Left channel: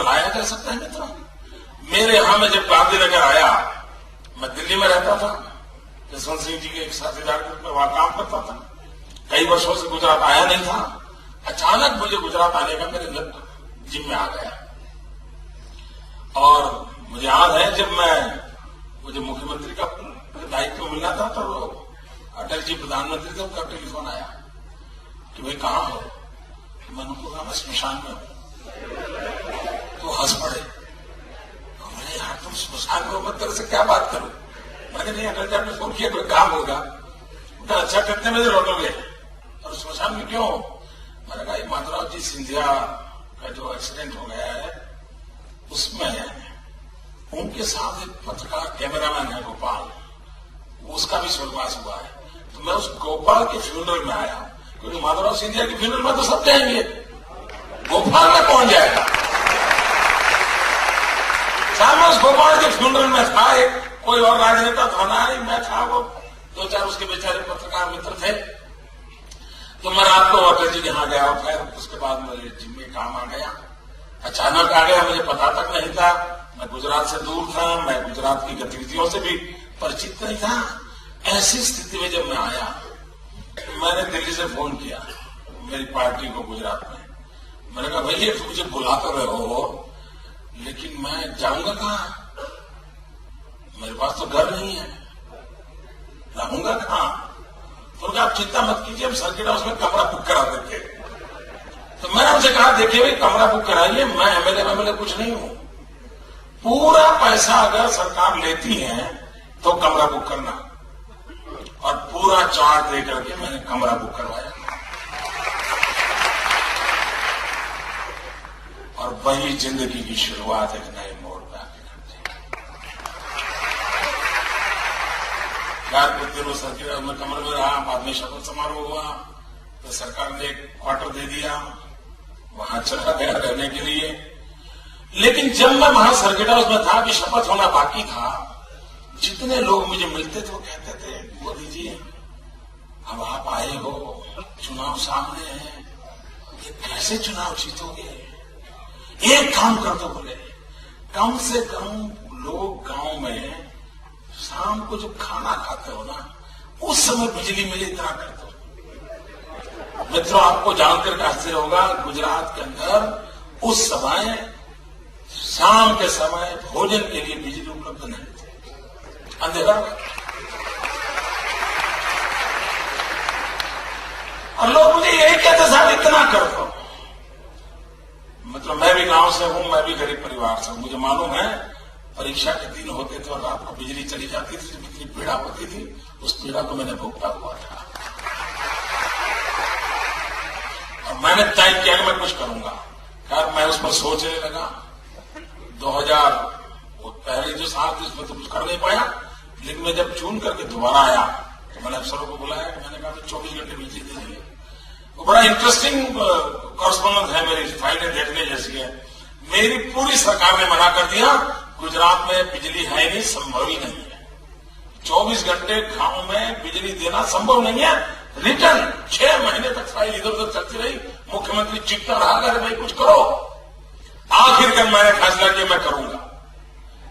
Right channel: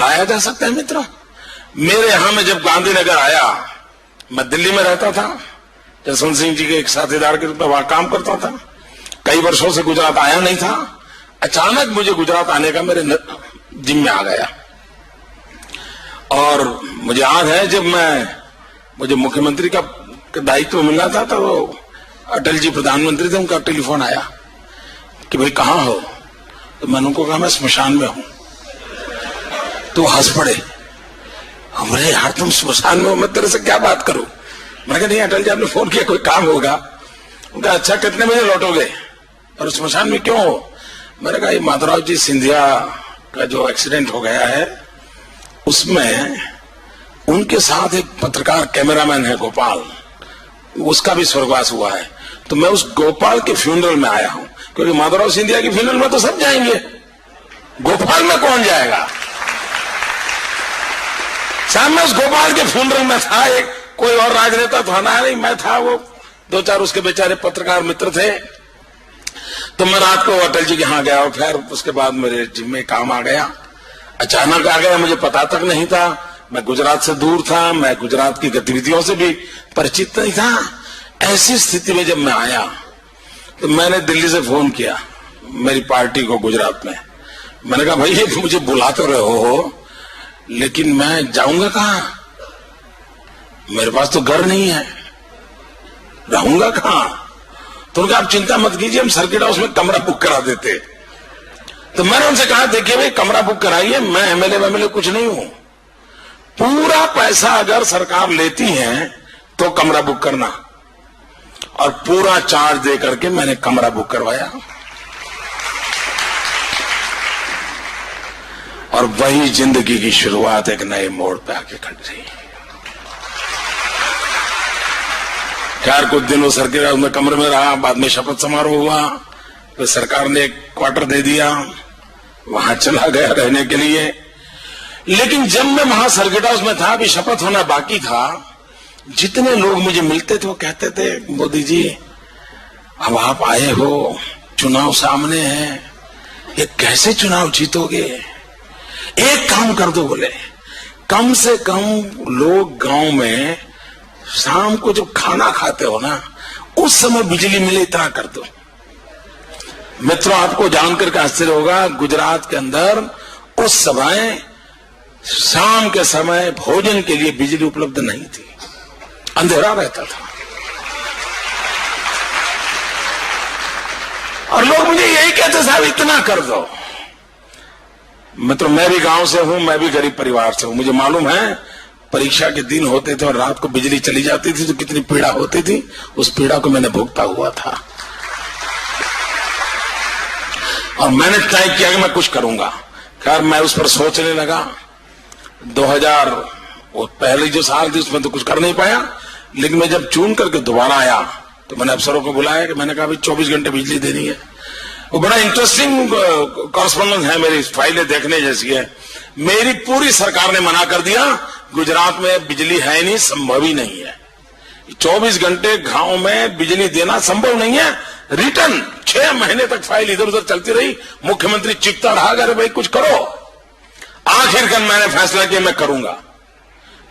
लाया जा सकता है मित्रों। मेरे यहां में जब गांधीनगर आया, मैं दिल्ली में रहता था, जसवंत सिंह जी के एक साथीदार के रूप में वहां काम करता था, कई वर्षों से गुजरात आया नहीं था। अचानक मुझे गुजरात आने का मेरे जिम्मे आ गया। और मुझे याद है जब मुझे मुख्यमंत्री का दायित्व मिला था तो अटल जी प्रधानमंत्री थे, उनका टेलीफोन आया कि भाई कहां हो, तो मैंने उनको कहा मैं स्मशान में हूं। तो हंस पड़े, हमरे यार तुम स्मशान में हो, मैं तेरे से क्या बात करूं। मैंने कहा नहीं अटल जी आपने फोन किया, कोई काम होगा। उनका अच्छा कितने बजे लौटोगे और स्मशान में क्यों हो। मैंने कहा माधवराव जी सिंधिया का जो एक्सीडेंट हो गया है उसमें उनके साथ एक पत्रकार कैमरामैन है गोपाल, उसका भी स्वर्गवास हुआ है, तो मैं उस गोपाल के फ्यूनरल में आया हूं, क्योंकि माधवराव सिंधिया के फ्यूनरल में तो सब जाएंगे, गोपाल में कौन जाएगा। सामने उस गोपाल के फ्यूनरल में था एक कोई और राजनेता तो आना नहीं, मैं था, वो दो चार उसके बेचारे पत्रकार मित्र थे। तो मैं रात को अटल जी के यहां गया और फिर उसके बाद मेरे जिम्मे काम आ गया, अचानक आ गया, मुझे पता तक नहीं था। मैं गुजरात से दूर था, मैं गुजरात की गतिविधियों से भी परिचित नहीं था। ऐसी स्थिति में जब मैं आया तो मैंने दिल्ली से फोन किया मेरी पार्टी को गुजरात में। मैंने कहा भाई मुझे बुलाते रहे हो, लेकिन मैं जाऊंगा कहां, मेरे पास तो घर नहीं है, रहूंगा कहां। तो उनका आप चिंता मत कीजिए, हम सर्किट हाउस में कमरा बुक करा देते। तो मैंने उनसे कहा देखिए भाई कमरा बुक कराइए, मैं एमएलए कुछ नहीं हूं, पूरा पैसा अगर सरकार लेती है तो कमरा बुक करना, और पूरा चार्ज दे करके मैंने कमरा बुक करवाया। और वही जिंदगी की शुरुआत एक नए मोड़ पे आके खड़ी रही। खैर कुछ दिनों सर्किट हाउस में कमरे में रहा, बाद में शपथ समारोह हुआ, तो सरकार ने एक क्वार्टर दे दिया, वहां चला गया रहने के लिए। लेकिन जब मैं वहां सर्किट हाउस में था, अभी शपथ होना बाकी था, जितने लोग मुझे मिलते थे वो कहते थे मोदी जी अब आप आए हो, चुनाव सामने है, ये कैसे चुनाव जीतोगे, एक काम कर दो, बोले कम से कम लोग गांव में शाम को जब खाना खाते हो ना उस समय बिजली मिले इतना कर दो। मित्रों आपको जानकर के आश्चर्य होगा, गुजरात के अंदर उस समय शाम के समय भोजन के लिए बिजली उपलब्ध नहीं थी, अंधेरा रहता था। और लोग मुझे यही कहते साहब इतना कर दो। मित्रों मैं भी गांव से हूं, मैं भी गरीब परिवार से हूं, मुझे मालूम है परीक्षा के दिन होते थे और रात को बिजली चली जाती थी तो कितनी पीड़ा होती थी, उस पीड़ा को मैंने भुगता हुआ था। और मैंने तय किया कि मैं कुछ करूंगा। खैर मैं उस पर सोचने लगा। 2000 वो पहले जो साल थी उसमें तो कुछ कर नहीं पाया, लेकिन मैं जब चुन करके दोबारा आया तो मैंने अफसरों को बुलाया कि मैंने कहा भाई 24 घंटे बिजली देनी है। वो बड़ा इंटरेस्टिंग कॉरेस्पॉन्डेंस है, मेरी फाइलें देखने जैसी है। मेरी पूरी सरकार ने मना कर दिया, गुजरात में बिजली है नहीं, संभव ही नहीं है, 24 घंटे गांव में बिजली देना संभव नहीं है। रिटर्न 6 महीने तक फाइल इधर उधर चलती रही, मुख्यमंत्री चिपता रहा, अगर भाई कुछ करो। आखिरकार मैंने फैसला किया मैं करूंगा।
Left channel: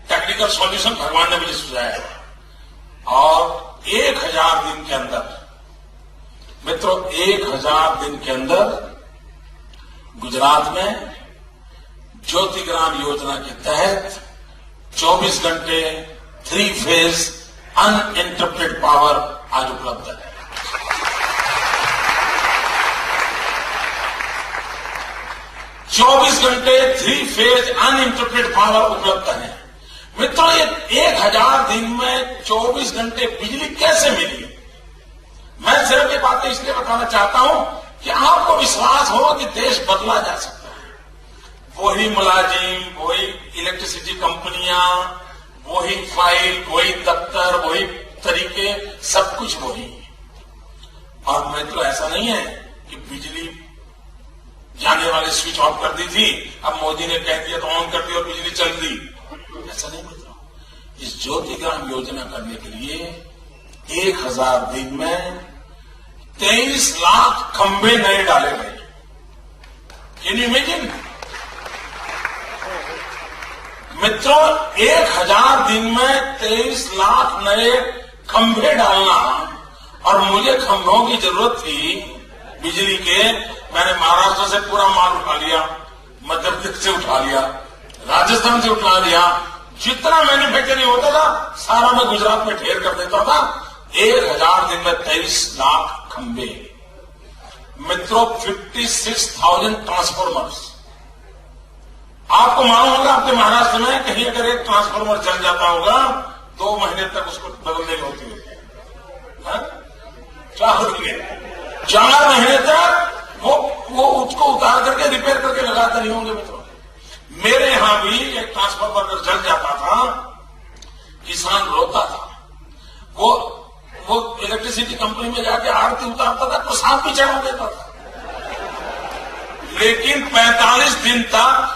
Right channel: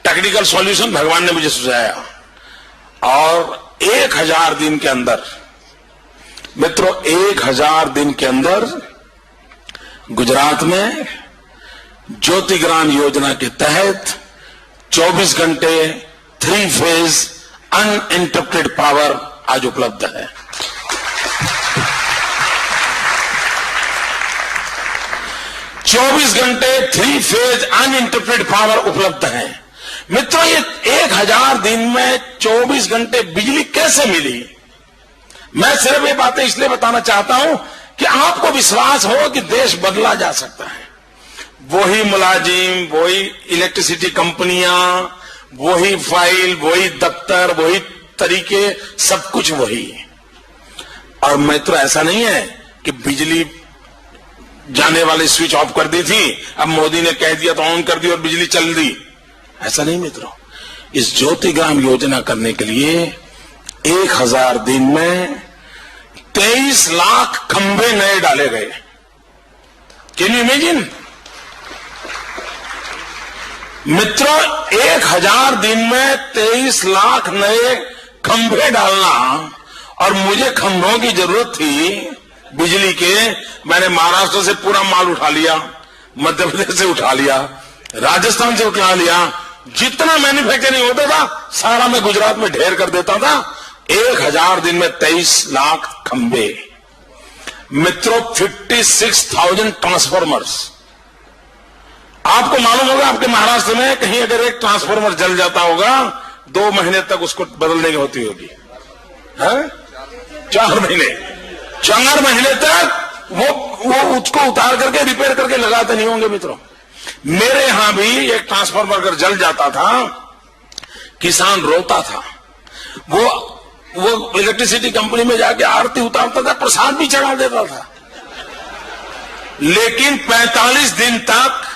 टेक्निकल सॉल्यूशन भगवान ने मुझे सुझाया, और 1000 दिन के अंदर, मित्रों 1000 दिन के अंदर गुजरात में ज्योतिग्राम योजना के तहत 24 घंटे 3 फेज अनइंटरप्टेड पावर आज उपलब्ध है। चौबीस घंटे 3 फेज अनइंटरप्टेड पावर उपलब्ध है। मित्रों ये 1000 दिन में 24 घंटे बिजली कैसे मिली। मैं सिर्फ ये बातें इसलिए बताना चाहता हूं कि आपको विश्वास हो कि देश बदला जा सकता है। वही मुलाजिम, वही इलेक्ट्रिसिटी कंपनियां, वही फाइल, वही दफ्तर, वही तरीके, सब कुछ वही। और मित्रों ऐसा नहीं है कि बिजली जाने वाले स्विच ऑफ कर दी थी, अब मोदी ने कह दिया तो ऑन कर दी और बिजली चल दी, ऐसा नहीं मित्रों। इस ज्योतिग्राम योजना करने के लिए 1000 दिन में 23 लाख खंभे नए डाले गए। Can you imagine? मित्रों, 1000 दिन में 23 लाख नए खंभे डालना, और मुझे खंभों की जरूरत थी बिजली के। मैंने महाराष्ट्र से पूरा माल उठा लिया, मध्य प्रदेश से उठा लिया, राजस्थान से उठा लिया। जितना मैन्युफैक्चरिंग होता था सारा मैं गुजरात में ढेर कर देता था। 1000 दिन में 23 लाख खंभे। मित्रों, 56,000 ट्रांसफॉर्मर्स। आपको मालूम होगा, आपके महाराष्ट्र में कहीं अगर एक ट्रांसफॉर्मर जल जाता होगा 2 महीने तक उसको बदलने की होती होगी, है? 4 महीने तक वो उसको उतार करके रिपेयर करके लगाते नहीं होंगे। मित्रों, मेरे यहां भी एक ट्रांसफॉर्मर अगर जल जाता था, किसान रोता था। वो इलेक्ट्रिसिटी कंपनी में जाके आरती उतारता था, प्रसाद भी चढ़ा देता था, लेकिन 45 दिन तक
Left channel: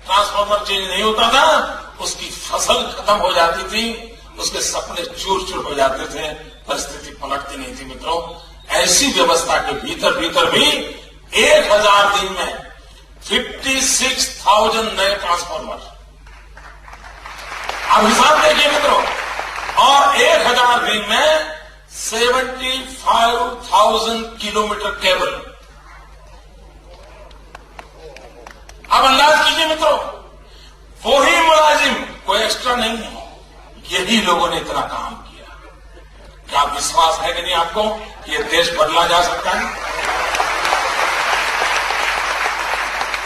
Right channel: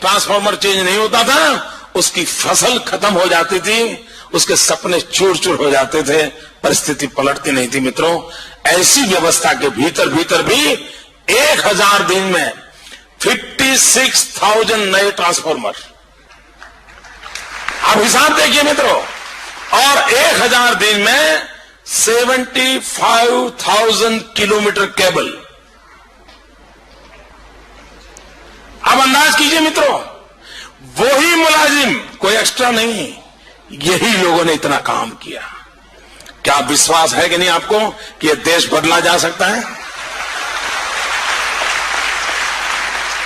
ट्रांसफॉर्मर चेंज नहीं होता था। उसकी फसल खत्म हो जाती थी, उसके सपने चूर चूर हो जाते थे, परिस्थिति पलटती नहीं थी। मित्रों, ऐसी व्यवस्था के भीतर भी 1000 दिन में 56,000 नए ट्रांसफॉर्मर। आप हिसाब देखिए मित्रों, और 1000 दिन में 75,000 किलोमीटर केबल। अब अंदाज कीजिए मित्रों, वही मुलाजिम, कोई एक्स्ट्रा नहीं, यही लोगों ने इतना काम किया। क्या विश्वास है कि नहीं आपको कि यह देश बदला जा सकता है?